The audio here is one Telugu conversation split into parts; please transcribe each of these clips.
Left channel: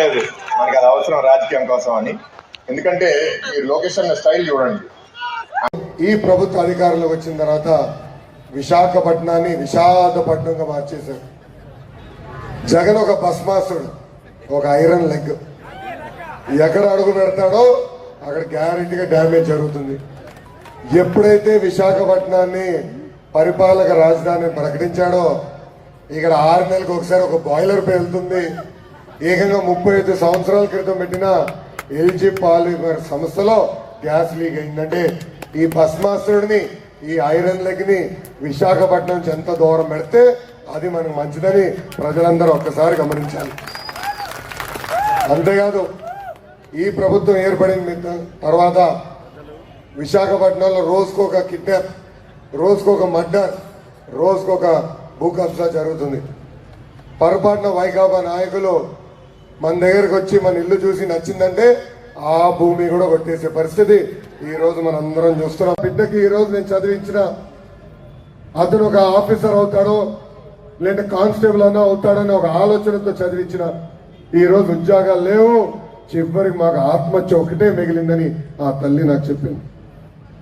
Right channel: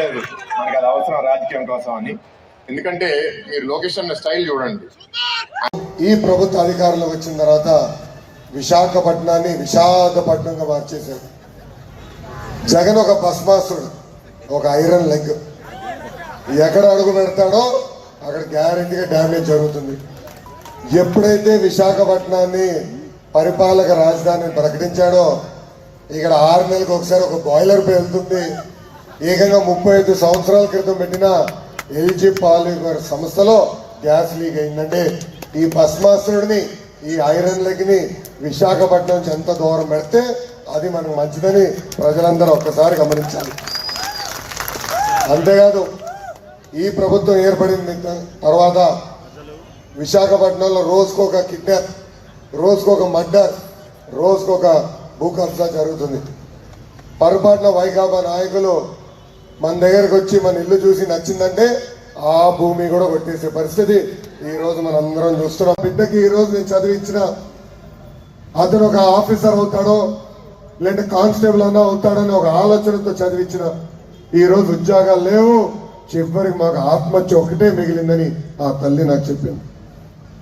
పర్లేదు మనకి అది అవసరం రాజకీయం కోసం అని. ఎందుకంటే మీరు లొకేషన్ స్టైల్ చూడండి. ఈ ప్రభుత్వ అధికారంలో వచ్చిన తర్వాత విశాఖపట్నాన్ని విషాదపట్నంగా మార్చేశారు. జగన్ ఒక భస్మాసుడు ఒక ఐరన్ లెగ్. ఎక్కడ అడుగు పెడతాడో అక్కడ గ్యారంటీగా డ్యామేజ్ జరుగుతుంది. ఎప్పుడైతే విశాఖపట్నాన్ని పరిపాలక రాజధానిని ప్రకటించాడో ఇక్కడ ఆరు నెలలకు ఒకసారి ఒక బాయిలర్ పేలుతుంది. ఏకంగా ముప్పై ఐదు సంవత్సరాల క్రితం పెట్టిన ఎల్జీ పాలిమర్ సంస్థలో గ్యాస్ లీక్ అయిందంటే ఈ భస్మాసురుడిని ఈ ఐరన్ లెగ్ని విశాఖపట్నం నుంచి ఎంత దూరం పెడితే అది మనకు మంచిదని ప్రజలందరూ ఒక్కసారి గమనించాలి. అంతేకాదు ఈ ప్రభుత్వం ఏర్పడిన తర్వాత విశాఖపట్నంలో రోజుకొక కిడ్నాప్ రోజుకొక మర్డర్ రోజుకొక భూ కబ్జా జరుగుతుంది. పొరపాటున వైకాపా నాయకులు మన దగ్గరకు వచ్చి మన ఇల్లు చూసి నచ్చిందంటే ఆ భూమి కూడా కొట్టేసే పరిస్థితి. ఈ రోజు మనం అందరం చూస్తున్నాం. బిడ్డకి ఈ రోజు నేను చదివించిన అతను ఒక ఆఫీసర్ అవుతాడో లేదంటే కానిస్టేబుల్ అన్నా అవుతాడని ఒక ఆలోచనతో చదివించిన ఈ రోజు ఉద్యోగాలు లేవు. చివరికి మాకు ఆత్మహత్య ఒకటే మిగిలిందని ఆ తల్లి నాకు చెప్పింది.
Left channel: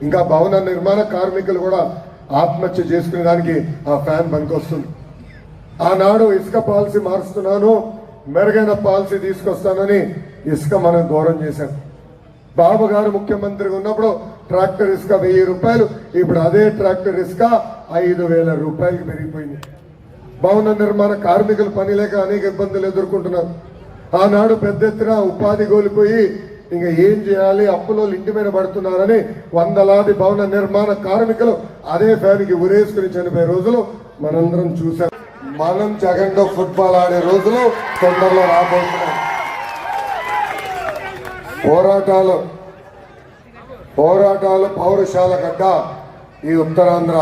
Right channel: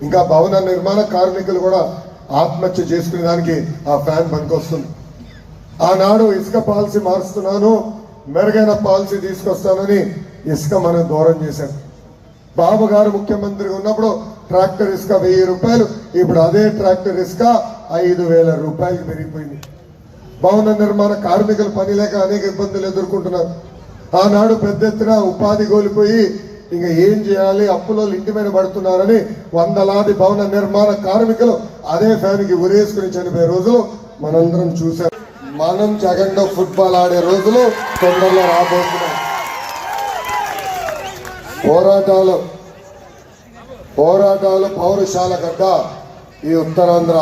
ఇంకా భవన నిర్మాణ కార్మికులు కూడా ఆత్మహత్య చేసుకునే దానికి ఆ ఫ్యాన్ పనికొస్తుంది. ఆనాడు ఇసుక పాలసీ మారుస్తున్నాను. మెరుగైన పాలసీ తీసుకొస్తానని ఇసుక మనం దూరం చేశాడు. బాబు గారు ముఖ్యమంత్రిగా ఉన్నప్పుడు ట్రాక్టర్ ఇసుక వెయ్యి రూపాయలు ఇప్పుడు అదే ట్రాక్టర్ ఇసుక ఐదు వేల రూపాయలు పెరిగిపోయింది. భవన నిర్మాణ కార్మికులు పని లేక అనేక ఇబ్బందులు ఎదుర్కొంటున్నారు. ఆనాడు పెద్ద ఎత్తున ఉపాధి కోల్పోయి ఇంకా ఏం చేయాలి అప్పులో ఇంటి మీద పడుతున్నారని వందలాది భవన నిర్మాణ కార్మికులు అదే ఫ్యాన్కి ఉరేసుకుని చనిపోయే రోజులు మనందరం చూసాం మనం జగన్లో ఫుట్బాల్ ఆడే రోజులు తొందరలో రాబోతున్నాం పోరాటాలు పోరాటాలు పౌరశాల గడ్డ ఈ ఉత్తరాంధ్ర.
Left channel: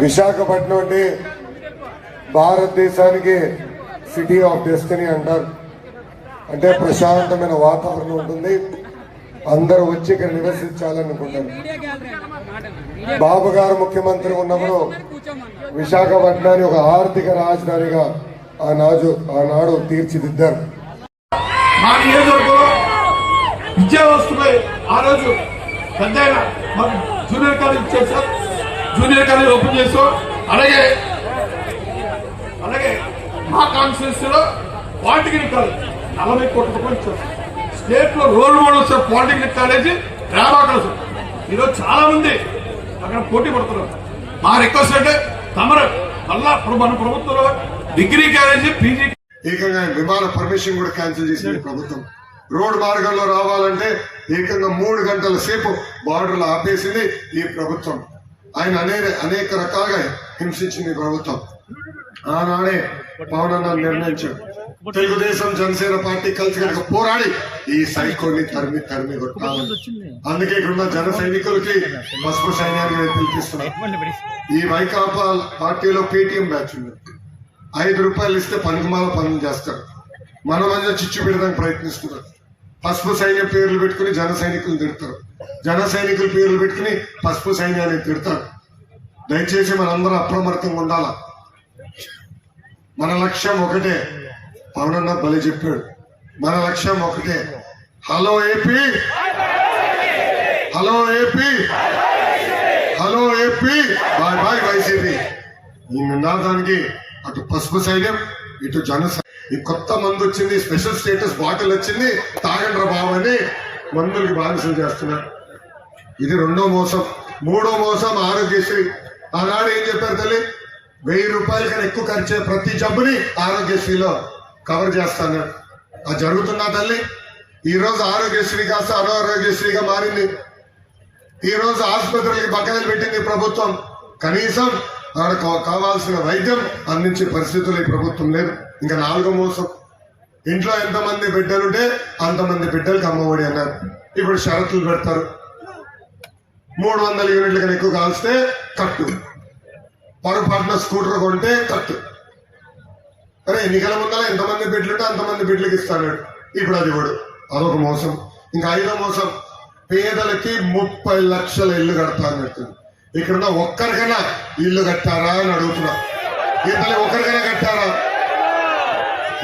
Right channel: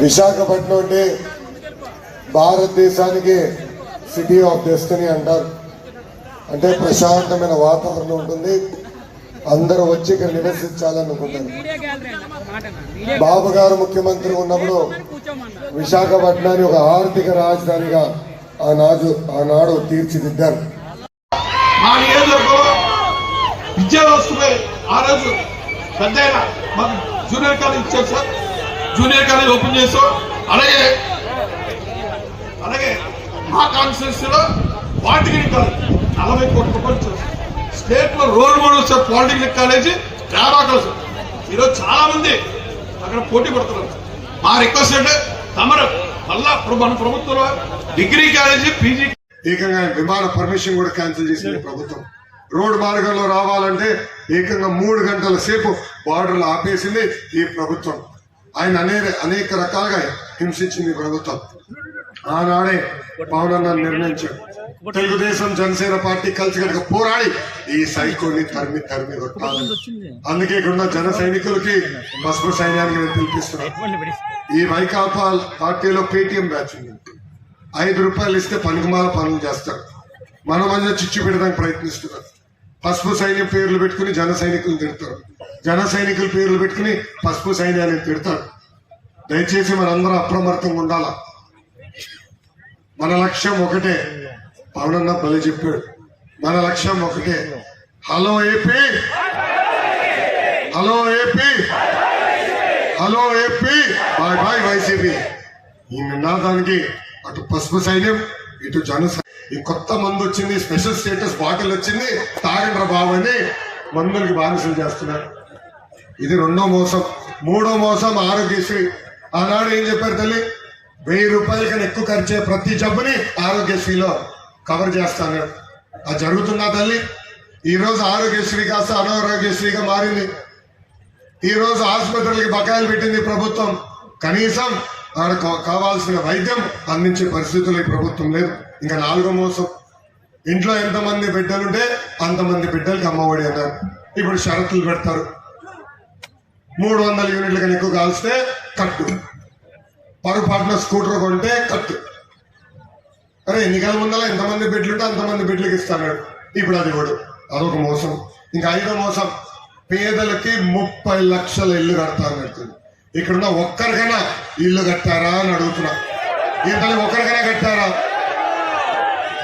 విశాఖపట్నం అంటే భారతదేశానికి సిటీ ఆఫ్ డెస్టినీ అంటారు. అంటే ప్రశాంతమైన వాతావరణం ఉంటుంది. అందరూ వచ్చి ఇక్కడ నివసించాలనుకుంటారు బాబు గారు ముఖ్యమంత్రి ఉన్నప్పుడు విశాఖపట్నాన్ని ఒక ఆర్థిక రాజధానిగా ఆనాడు ఆనాడు తీర్చిదిద్దారు. మా నియోజకవర్గంలో విద్యా వ్యవస్థపై ఆ రోజు పెద్ద మాకు జూనియర్ కాలేజ్ ఇచ్చారు జూనియర్ కాలేజ్ ఓపెన్ చేసాం అలాగే అలాగే మా కాన్స్టిట్యూన్సీలో వాటికి నలభై కోట్ల రూపాయలు ఇచ్చారు స్టేట్లో role model sir polytechnic college పేదాకలు sir. ఈరోజు చాలా మంది అక్కడ పోటీ పడుతున్నారు. మా రిక్వెస్ట్ అంటే తమరు మళ్ళా మన ప్రభుత్వంలో డిగ్రీ కాలేజీ పీజీ ఏకంగా విమాన పర్మిషన్ కూడా క్యాన్సిల్ చేసింది ప్రభుత్వం. రోడ్ మార్గంలో రావాలంటే ఏకంగా మూడు గంటల సేపు బార్డర్లు ఆపేసింది ఈ ప్రభుత్వం. ఆయన అనేక అనేక రకాలుగా హింసించింది ప్రభుత్వం. ఆనాడే పవన్ అన్న నిర్ణయించాడు. తెలుగుదేశం జనసేన పార్టీ కలిసి కనుక పోరాడి ఈ సైకోని తరిమి తరిమి అందుకే ఇక్కడ జన సైనికులకి పసుపు సైన్యాన్ని నేను పిలిపిస్తున్నాను ఈ వైకాపా పార్టీలో పేటిఎం బ్యాచ్ ఉంది. ఐదు రూపాయలు ఇస్తే పనికిమాల పనులు చేస్తారు. మన మధ్య చిచ్చు పెడడానికి ప్రయత్నిస్తున్నారు. పసుపు సైన్యం పేర్లు పెట్టుకుని జన సైనికులు తిడతారు. జన సైనికుల పేర్లు పెట్టుకుని పసుపు సైన్యాన్ని తిడతారు. దయచేసి మనందరం అప్రమత్తంగా ఉండాలా? మన లక్ష్యం ఒకటే. పవనన్న బలి చెప్పాడు. మన లక్ష్యం ఒకటే. Hello AP. Hello AP. Hello AP. Bye bye YCP. ఈ నినాదానికి అటు పసుపు సైన్యం ఇటు జన ఈ కొత్త మందు వచ్చింది స్పెషల్ స్టేటస్ బాటిల్ వచ్చింది తాగండ్ర బాబు అని మందులకి బానిసలు చేస్తున్నారు. ఇది రెండో మోసం. మూడో మోసం ఆరోగ్యశ్రీ. ఆనాడు ఏం చెప్పారు తల్లి? వెయ్యి రూపాయల కన్నా ఎక్కువ ఖర్చు ప్రతి జబ్బుని ఆరోగ్యశ్రీలో. కవర్ చేస్తాను. అది జరుగుతున్నా తల్లి ఈరోజు ఆరోగ్యశ్రీ కాస్త అనారోగ్యశ్రీగా మారింది. ఈరోజు ఆసుపత్రులకి బకాయిలు పెట్టింది ప్రభుత్వం. కనీసం ఆడ కావాల్సిన వైద్యం అందించే పరిస్థితులు ఈ ప్రభుత్వం లేదు ఇంకా నాలుగో మోసం. ఇంట్లో ఎంతమంది బిడ్డలుంటే అంతమంది బిడ్డలకు అమ్మఒడి అన్నారు. ఇప్పుడు షరతులు పెడతారు. మూడు వందల యూనిట్ల కన్నా ఎక్కువ కాల్స్తే కట్టు. పొరపాటున స్కూటర్ కొంటే కట్టు. అరే ఎన్నికల ముందర ఎంతమంది బిడ్లుంటే అంతమంది బిడ్లకి ఇస్తాడు. ఇప్పుడు అది కూడా అదొక మోసం. ఇంకా ఐదో మోసం. పేదలకి ముప్పై లక్షల ఇల్లు కడతా అని చెప్తుంది. ఇక్కడున్న ఒక్కరికైనా ఇల్లు కట్టారా అని అడుగుతున్నా. ఇంతలో ఒక్కరికైనా కట్టారా?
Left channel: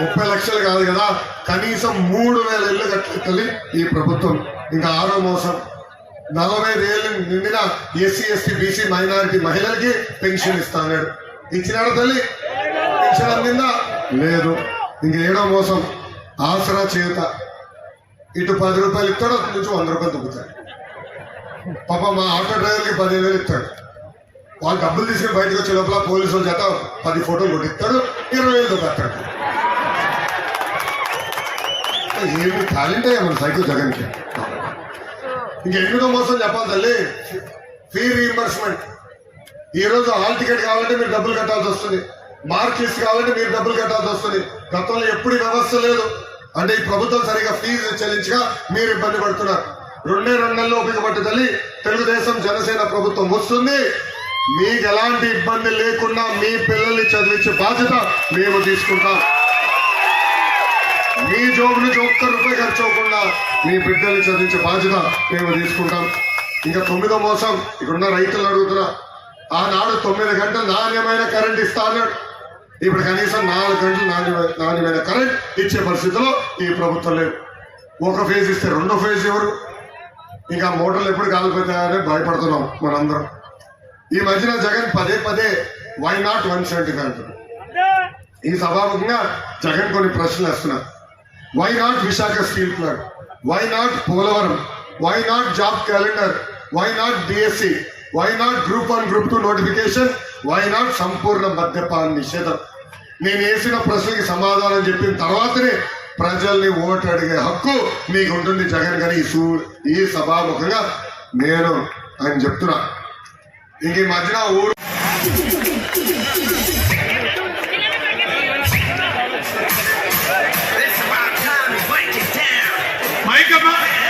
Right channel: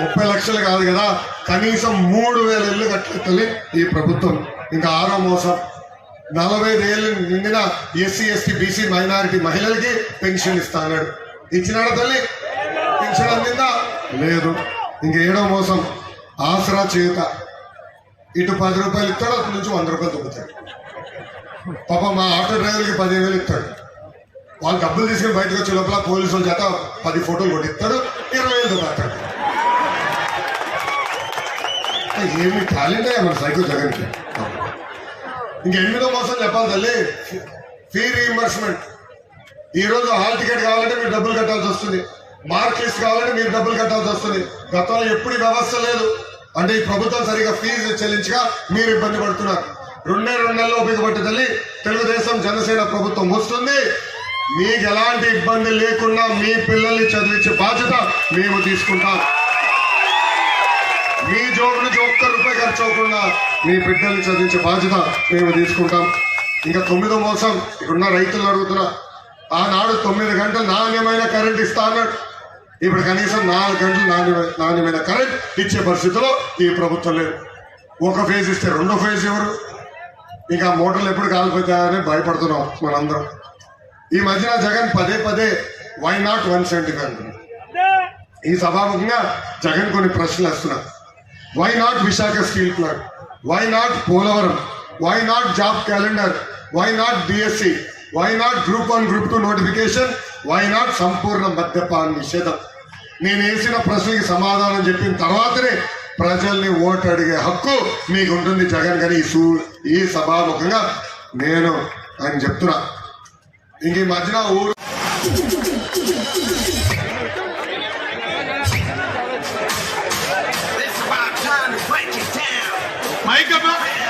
ముప్పై లక్షలు కాదు కదా. కనీసం మూడు వేల ఇల్లు కట్టలే ఈ ప్రభుత్వం. ఇంకా ఆరో మోసం. నలభై ఏళ్ళు నిండిన ఎస్సీ ఎస్టీ బీసీ మైనారిటీ మహిళలకి పెన్షన్ ఇస్తాడు ఇచ్చినాడు తల్లి? పెన్షన్ అందిందా? లేదు. ఇంకెడో మోసం. ఆసరా చేత. ఇటు పది రూపాయలు ఇస్తాడు అటు నుంచి వంద రూపాయలు తగ్గుతాడు పాప మా ఆటో డ్రైవర్కి పదిహేను వేలు ఇస్తాడు. వాళ్ళు డబ్బులు తీసుకుని బయటకు వచ్చే లోపల పోలీసుల చేత పది ఫోటోలు కొట్టిస్తాడు ఇరవై వేలు దొరుకుతాడు ఏమి టాలెంట్ అయ్యా మన సైకిల్ జగన్కి. ఇంకెందుకో మోసం చెప్పాలి తల్లి. ఫీ రీఎంబర్స్మెంట్ ఈ రోజు హాల్ టికెట్ కావాలంటే మీరు డబ్బులు కట్టాల్సి వస్తుంది. మార్క్ కావాలంటే మీరు డబ్బులు కట్టాల్సి వస్తుంది. గతంలో ఎప్పుడు వ్యవస్థ లేదు. అంటే ఈ ప్రభుత్వం సరిగా ఫీజు చెల్లించగా మీరు ఇబ్బంది పడుతున్నారు. రెండే రెండు నెలలు ఉపయోగపడ్డ తల్లి తెలుగుదేశం జనసేన ప్రభుత్వం వస్తుంది. మీకు ఎలాంటి ఇబ్బంది లేకుండా మీ పిల్లల్ని చదివించే బాధ్యత మేము తీసుకుంటాం. మీ జోబు నుంచి ఒక్క రూపాయి ఖర్చు అవ్వకుండా మీ బిడ్డల్ని చదివించే బాధ్యత మేము తీసుకుంటాం. ఇంకా తొమ్మిదో మోసం ఇక్కడున్న రైతులు అడుగుతున్నా ఆనాడు తొమ్మిది గంటలు నాణ్యమైన కరెంట్ ఇస్తా అన్నాడు ఇప్పుడు కనీసం నాలుగు గంటలు నాణ్యమైన నాణ్యమైన కరెంట్ ఇచ్చే పరిస్థితిలో ఈ ప్రభుత్వం లేదు. ఒక ఫేజ్ ఇస్తే రెండో ఫేజ్ ఎవరు? ఇంకా మోటార్లు ఎప్పుడు కాలిపోతాయని భయపడుతున్నాం మనందరం. ఈ మధ్యన జగన్ పదే పదే వై నాట్ వన్ సెవెంటీ అంటున్నారు. ఈ సభాముఖంగా జగన్ కొన్ని ప్రశ్నలు వేస్తున్నారు. Why not Visakha steel plant why not Polavaram why not job calendar why not DSC why not group one group two notification why not సంపూర్ణ మద్యపాన నిషేధం? నేను వేసిన ప్రశ్నకి సమాధానం చెప్పిన తర్వాతనే ప్రజల్ని ఓటు అడిగే హక్కు మీకు ఉంటుంది జగన్ గారి ఈ సూ ఈ సభాముఖంగా నేను అని చెప్తున్నా. ఇంక ఈ మధ్యన ఊరు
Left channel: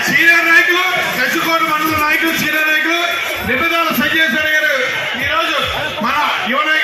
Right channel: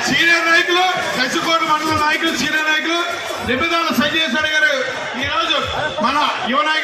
సీనియర్ నాయకులు కసికోట మండల నాయకులు సీనియర్ నాయకులు నిబంధనలు సంజయ్ గారు ఈ రోజు మన యువ నాయకులు